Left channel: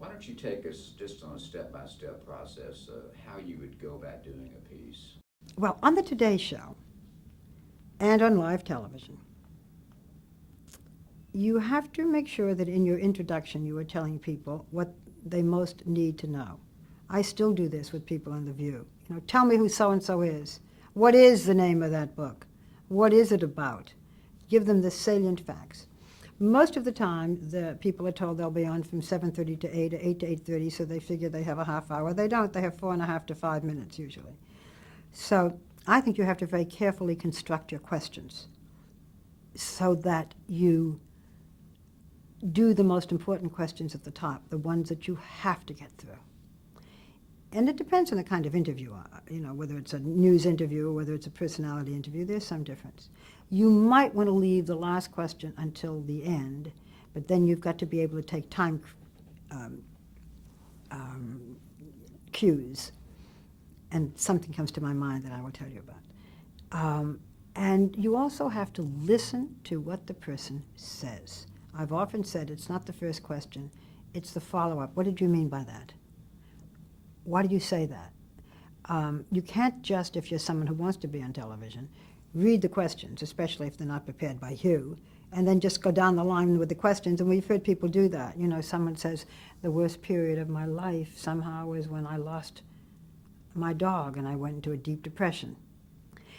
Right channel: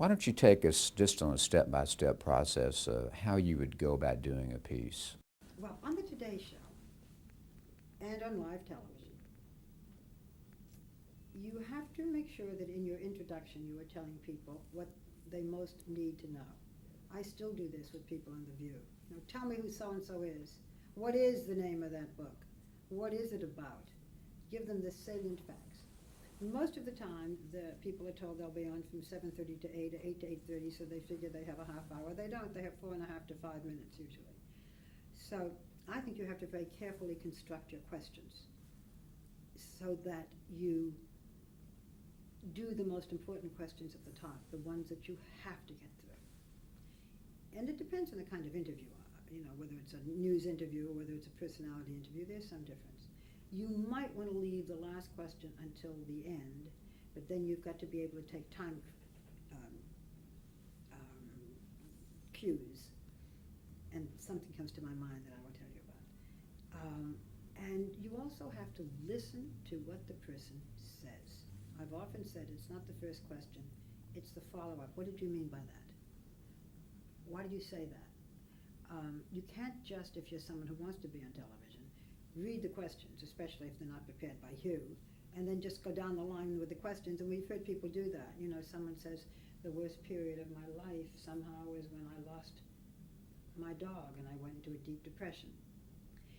Why don't you take us just on a step-by-step process of how you would go about doing a piece? Well, on the Today Show and on live television, you have to make sure that in your introduction you are telling people what they most need to know. I still do this with people on The View. You know, tell me who so-and-so is. What is the name of that book? What is it about? Give them the salient facts. Most of the time, the people are told they'll be on from 7:30 to 8, or 8 to 8:30, so they figure they have a half hour. They don't. They have 4.5 to 5 minutes usually. So I think you have to very carefully construct your questions so that you do the most important questions at the top, the ones that you have to get through. And it depends on the kind of interview, you know, whether it's a news interview or whether it's a personality interview, there's some difference. You might want to leave the last question until the end, but then you've got to be able to take time cues. And something comes to my mind that I will tell you about. And you also have to listen to what the person says. I've often said it's not the first question, it's the follow-up. What did you mean by that? Why did you say that? You can't just, if you're someone who wants to be on television, read the questions, especially if they're not prepared by you, and then just go down the line with the questions. And we've heard people do that. You know, someone says, the worst period of my life somehow was when I lost my dog and I went into a deep depression.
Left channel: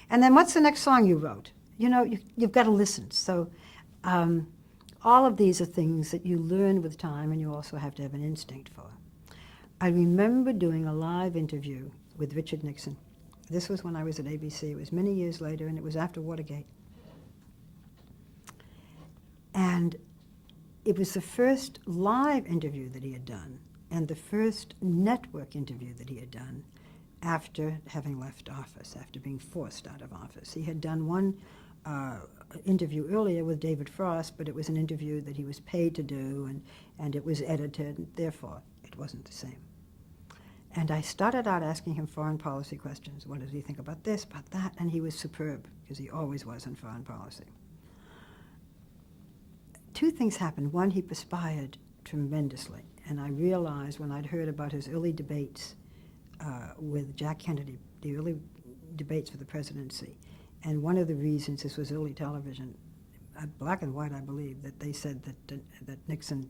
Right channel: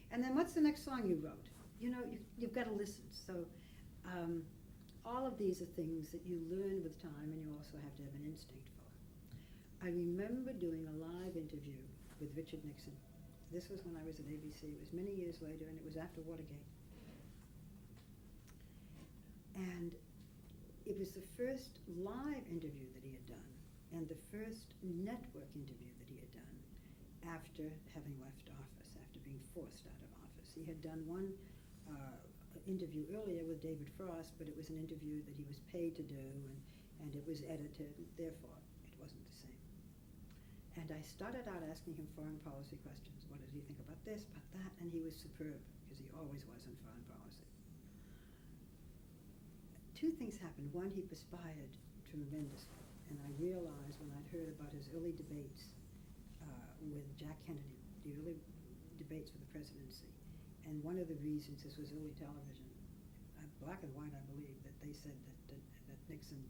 And then what's the next song you wrote? You know, you've got to listen. So all of these are things that you learn with time, and you also have to have an instinct for. I remember doing a live interview with Richard Nixon. This was when I was at ABC. It was many years later, and it was after Watergate. And it was the first live interview that he had done, and the first network interview that he had done after having left office, after being forced out of office. He had done one interview earlier with David Frost, but it was an interview that he was paid to do, and it was edited, and therefore it wasn't the same. And I started out asking him foreign policy questions. What does he think about this, about that? And he was superb, because he always was in foreign policy. Two things happened. One, he perspired tremendously, and I realized when I'd heard about his early debates with Jack Kennedy, the early debates for the presidency, and one of the reasons this was early television, black and white, I believe, that they said that Nixon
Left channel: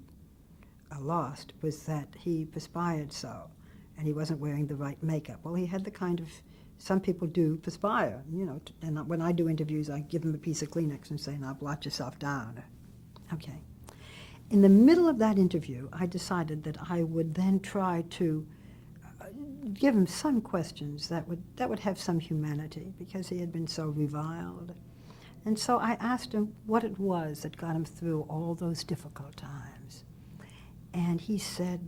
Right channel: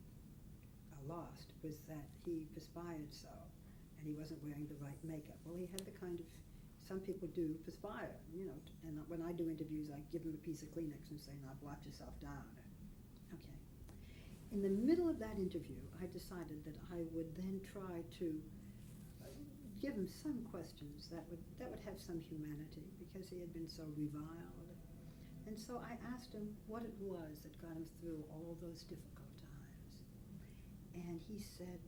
lost was that he perspired so, and he wasn't wearing the right makeup. Well, he had the kind of, some people do perspire, you know, and when I do interviews, I give them a piece of Kleenex and say, now blot yourself down. Okay. In the middle of that interview, I decided that I would then try to give him some questions that would have some humanity, because he had been so reviled. And so I asked him what it was that got him through all those difficult times. And he said,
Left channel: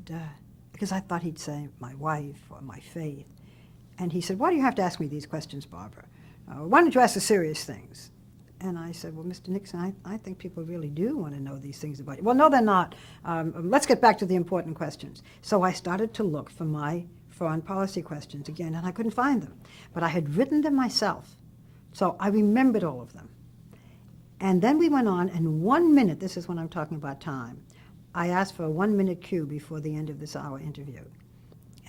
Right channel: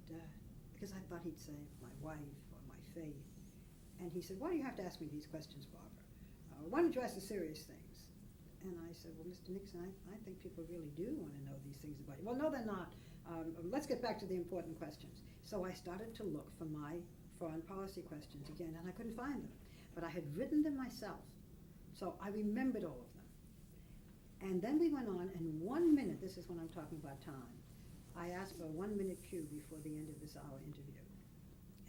because I thought he'd say my wife or my faith. And he said, why do you have to ask me these questions, Barbara? Why don't you ask the serious things? And I said, well, Mr. Nixon, I think people really do want to know these things about you. Well, no, they're not. Let's get back to the important questions. So I started to look for my foreign policy questions again, and I couldn't find them. But I had written them myself, so I remembered all of them. And then we went on, and 1 minute, this is when I'm talking about time, I asked for a 1-minute cue before the end of this hour interview.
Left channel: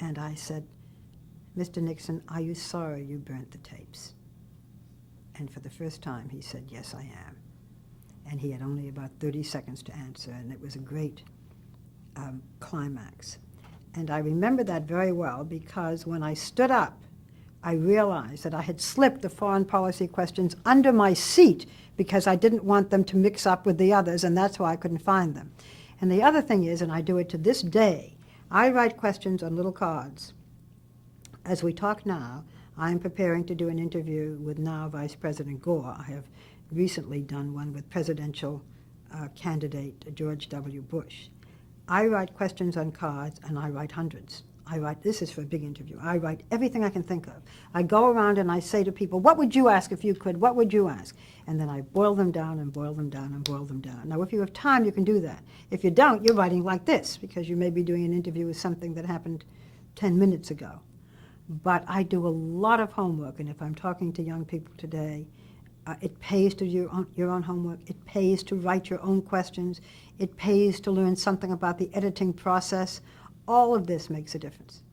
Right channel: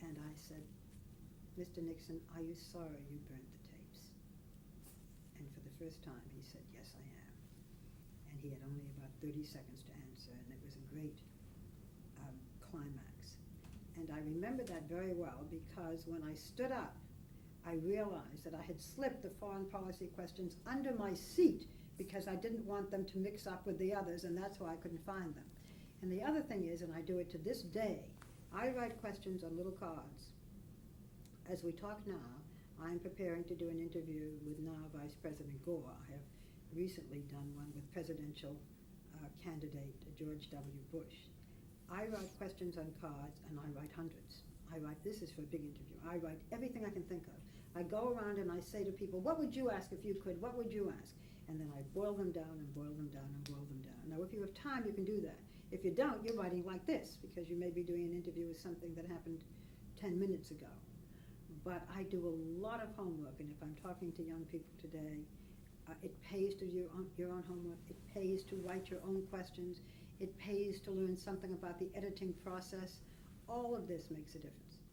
And I said, Mr. Nixon, are you sorry you burnt the tapes? And for the first time, he said, yes, I am. And he had only about 30 seconds to answer, and it was a great climax. And I remember that very well, because when I stood up, I realized that I had slipped the foreign policy questions under my seat because I didn't want them to mix up with the others, and that's why I couldn't find them. And the other thing is, and I do it to this day, I write questions on little cards. As we talk now, I'm preparing to do an interview with now Vice President Gore. I have recently done one with presidential candidate George W. Bush. I write questions on cards, and I write hundreds. I write, this is for a big interview, I write everything I can think of. I go around and I say to people, what would you ask if you could? What would you ask? And then I boil them down and boil them down and boil them down. Now, if you have time, you can do that. If you don't, you're writing like this, because you may be doing an interview with something that happened 10 minutes ago. But I do a lot of homework, and if I'm talking to young people today, it pays to do your own homework. It pays to write your own questions. It pays to learn something about the editing process. All of this makes a difference.